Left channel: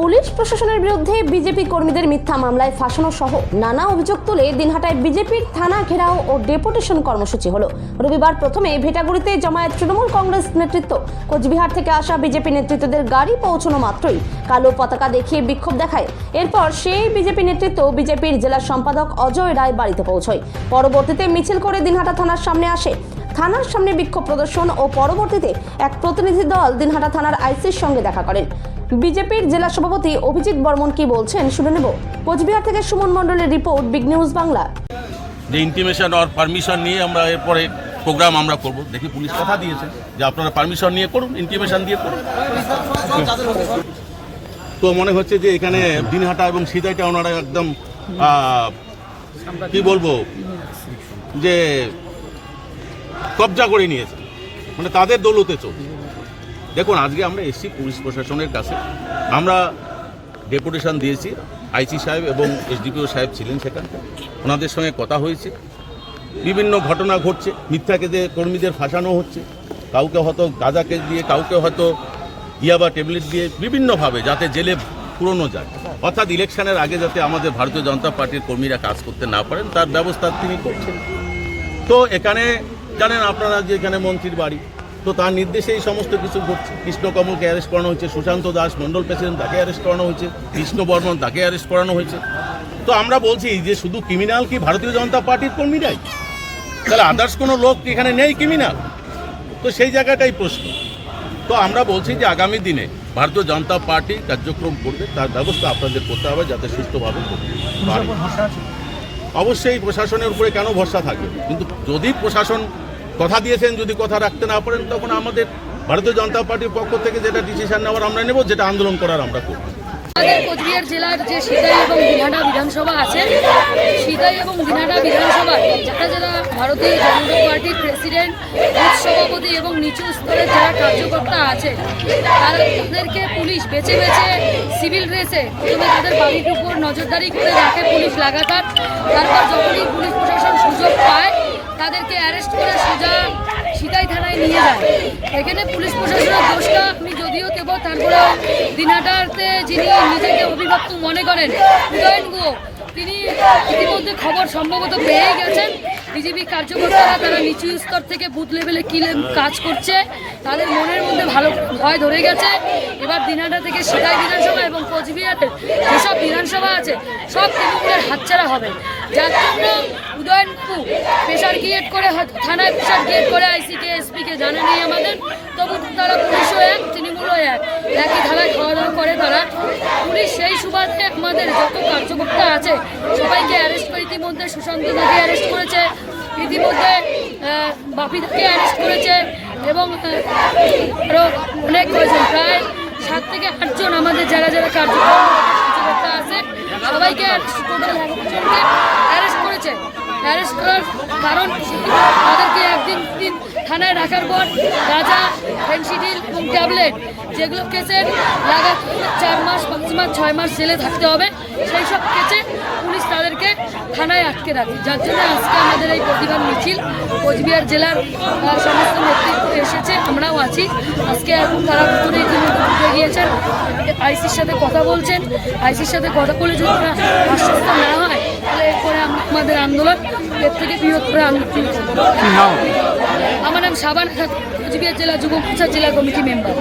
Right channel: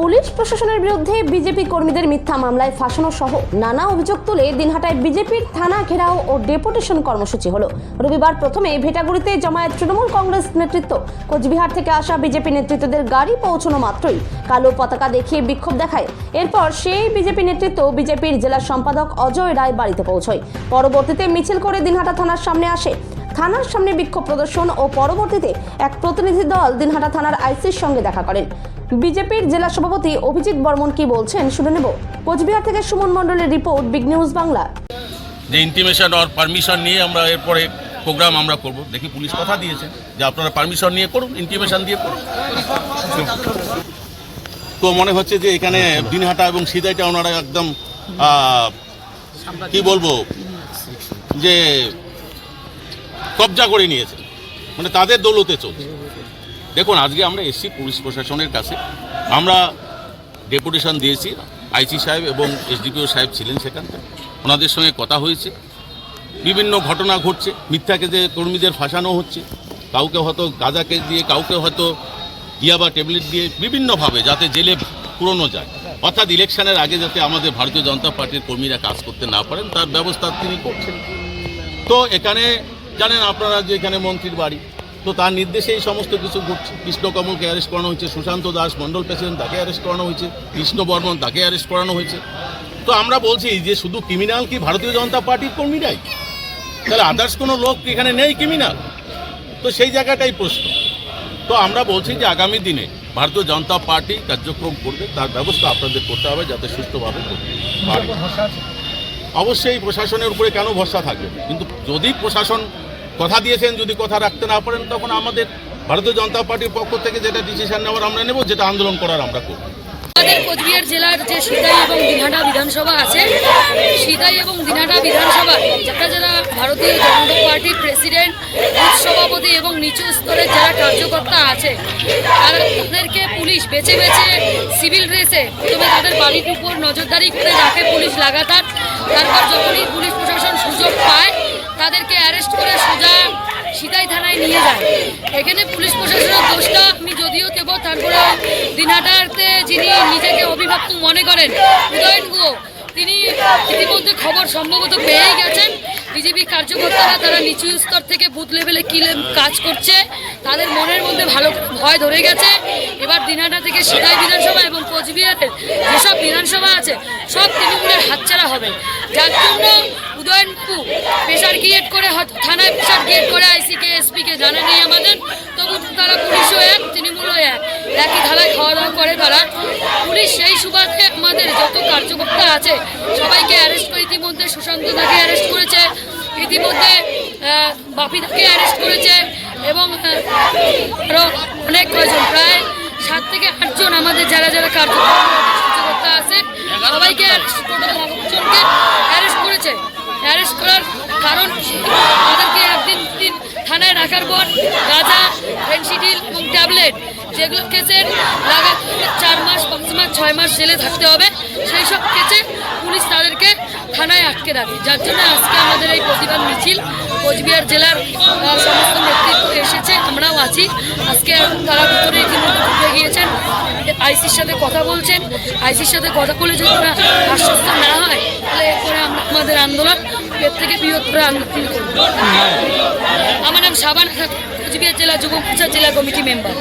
Police প্রশাসনের বিরুদ্ধে BJP কর্মীদের মিথ্যা মামলায় ফাঁসানো সহ নানা অভিযোগ তুলে দিনহাটায় বিজেপির থানা ঘেরাও ও ডেপুটেশন কর্মসূচি হলো। রবিবার প্রথমে ভেটাগুড়িতে জমায়েত তৃণমূল কংগ্রেস নেতৃত্ব। কোচবিহার থেকে আসা বিজেপি নেতৃত্বদের গাড়ি পৌঁছানো মাত্রই কালো পতাকা দেখিয়ে বিক্ষোভ দেখায়। এরপর সেই বিজেপি নেতৃত্ব বিজেপির জেলা সম্পাদক অজয় রায় বাড়িতে পৌঁছয়। পরবর্তীতে মিছিল করে দিনহাটা থানার সামনে আসে। থানার সামনে বিক্ষোভ প্রদর্শন ও পরবর্তীতে এক প্রতিনিধি দল দিনহাটা থানার আইসির সঙ্গে দেখা করেন। বিজেপির জেলা সভাপতি অভিজিৎ বর্মন কি বলছেন শুনে নেব। কোচবিহার থেকে সুমন মণ্ডলের রিপোর্ট, বিগ নিউজ বাংলা। যে ইন্টিমেশন আর পারমিশন নিয়ে আমরা এরপরে প্রোগ্রাম আমরা করব, দেখি পুলিশ কথা দিয়েছে যে আপনারা পারমিশন নিয়ে করুন, ইন্টিমেশন দিয়ে করুন। তো মনে হচ্ছে যে এখানে দিনহাটা এবং সিদাইটা ওনারা একদম কি বলবো যে কবজা করে নিয়েছে, মানে তাদের দৌলতে চলছে। দেখুন, আজকে আমরা এসছি পুলিশ প্রশাসনের কাছে, আমরা ডেপুটেশন দিয়েছি। আইসি সাহেব এবং এসডিপিও সাহেব ছিলেন সেখানটা, ওনাদের সঙ্গে কথা হয়েছে। বিভিন্ন ঘটনা ঘটছে, মিথ্যাকে যে কর্মীদের ফাঁসানো হচ্ছে, কাউকে হয়তো গাঁজাকে দিয়ে, কাউকে হয়তো ইয়াবা ট্যাবলেট দিয়ে, বিভিন্নভাবে যাতে জেলে পুরনো যায়, অর্থাৎ ইলেকশনের আগে যাতে আমাদের ভারতীয় জনতা পার্টির কর্মীরা কাজ করতে না পারেন তার ব্যবস্থা তিনি করছেন। তো এখানে জানেন আপনারা যে এখানে মন্ত্রীর বাড়ি, তো তার নির্দেশে এই সমস্ত কিছু ঘটছে। কৃষ্ণকমলকে অ্যারেস্ট করানো হয়েছে, সুশান্ত দাস মণ্ডল প্রেসিডেন্ট তাকে অ্যারেস্ট করানো হয়েছে, কৃষ্ণ বর্মন তাকে অ্যারেস্ট করানো হয়েছে। তো আমরা বলছি যে শুধু ক্রিমিনাল কি ভারতীয় জনতা পার্টির কর্মীরাই? তাহলে আদার্স কোনো লোক এখানে নেই ক্রিমিনাল? তো সেই জায়গাটাই প্রশ্ন। তো আমরা বলছি যে আগামী দিনে ভারতীয় জনতা পার্টি কার্যক্রম করবে, তার ব্যবস্থা আপনাদের করতে হবে যাতে সুষ্ঠুভাবে করতে পারে। অবশ্যই প্রশাসনের উপরে কেন ভরসা থাকবে, কিন্তু যদি প্রশাসন কথা দিয়েছেন, যদি কথা রাখতে না পারেন, তখন আমাদের ভারতীয় জনতা পার্টির পক্ষ থেকে যেটা ডিসিশন নেওয়ার আমরা নেব, যেটা আন্দোলন করার আমরা করব। আমাদের কোচবিহার জেলার যে সিদাই এবং দিনহাটা বিধানসভা আছে, সিদাই এবং দিনহাটা বিধানসভার যারা ভারতীয় জনতা পার্টির প্রেসিডেন্ট, বুথ সভাপতি এবং নিচু স্তরের যারা কার্যকর্তা আছে, তাদেরকে পুলিশ বেছে বেছে সিভিল ড্রেসে প্রথমে তাদের বাড়ির উপর নজরদারি করে রাখে পুলিশ লাগাতার। তারপর যখনই পুলিশ প্রশাসন সুযোগ পায় তাদেরকে অ্যারেস্ট করে সোজা সিদাই থানায় নিয়ে যায়। এখানে পুলিশ প্রশাসনের দোষটা আমি যদিও দেব, তারপরেও দিনহাটাতে যিনি নিজেকে অভিভাবক মনে করেন উদয়ন গুহ, তিনি ইতিমধ্যে খবর সম্ভবত পেয়েই গেছেন। বিজেপি কার্যকর্তারা তারা নিচু স্তর থেকে বুথ লেভেলে কী কাজ করছে তাদের মনের মধ্যে ভালো ভয় ধরে গেছে। এবার দিনহাটা থেকে সিদাই বিধানসভা এবং কোচবিহারের যেসব বিধানসভা আছে সব তৃণমূলের হাতছাড়া হবে, যার জন্য উদয়নবাবু প্রেশার ক্রিয়েট করে, থানায় প্রেশার ক্রিয়েট করে আইসিকে এসপিকে জানা নেই আমাদের, তবু তারা পুলিশও এক তৃণমূলও একই থালায় খাওয়া দাওয়া করে তারা। পুলিশ সেই সুবাদে আমাদের যত কার্যকর্তা আছে সবাইকে অ্যারেস্ট করে, ইতিমধ্যে সুশান্তদাকে অ্যারেস্ট করেছে, ইতিমধ্যে বাপিদাকে অ্যারেস্ট করেছে এবং আরও অনেক কয়জন, প্রায় 7 থেকে 8 জন আমাদের যারা কার্যকর্তা আছে সবাইকে টোটাল 11 জনকে অ্যারেস্ট করেছে। অ্যারেস্ট করার কারণ তাদেরকে একদিন থানায় রাখার পর গাঁজা, ফেন্সিডিল এবং ট্যাবলেট যেগুলো কেসের লাগাতার 4 মাস, 5 মাস, 6 মাস জেলে থাকতে হবে, সেই সব কেসে পুলিশ তাদেরকে থানায় আটকে রাখে। যার জন্য আজকে আমাদের এই প্রতিবাদ মিছিল, কোচবিহার জেলার সমস্ত নেতৃত্ব এসেছে, আমরাও আছি। আজকে তারা ভিতরে ইতিমধ্যে ঢুকে গিয়েছেন, আইসির সাথে কথা বলছেন। আইসির সাথে কথা বলে যদি তারা আশ্বস্ত না হয় তাহলে এরপরে আমরা আমাদের আন্দোলন এর থেকে বৃহত্তর আন্দোলন করব। আমার নাম সাবানা খাতুন, কোচবিহার জেলা যুব মোর্চার জেলা কমিটি মেম্বার।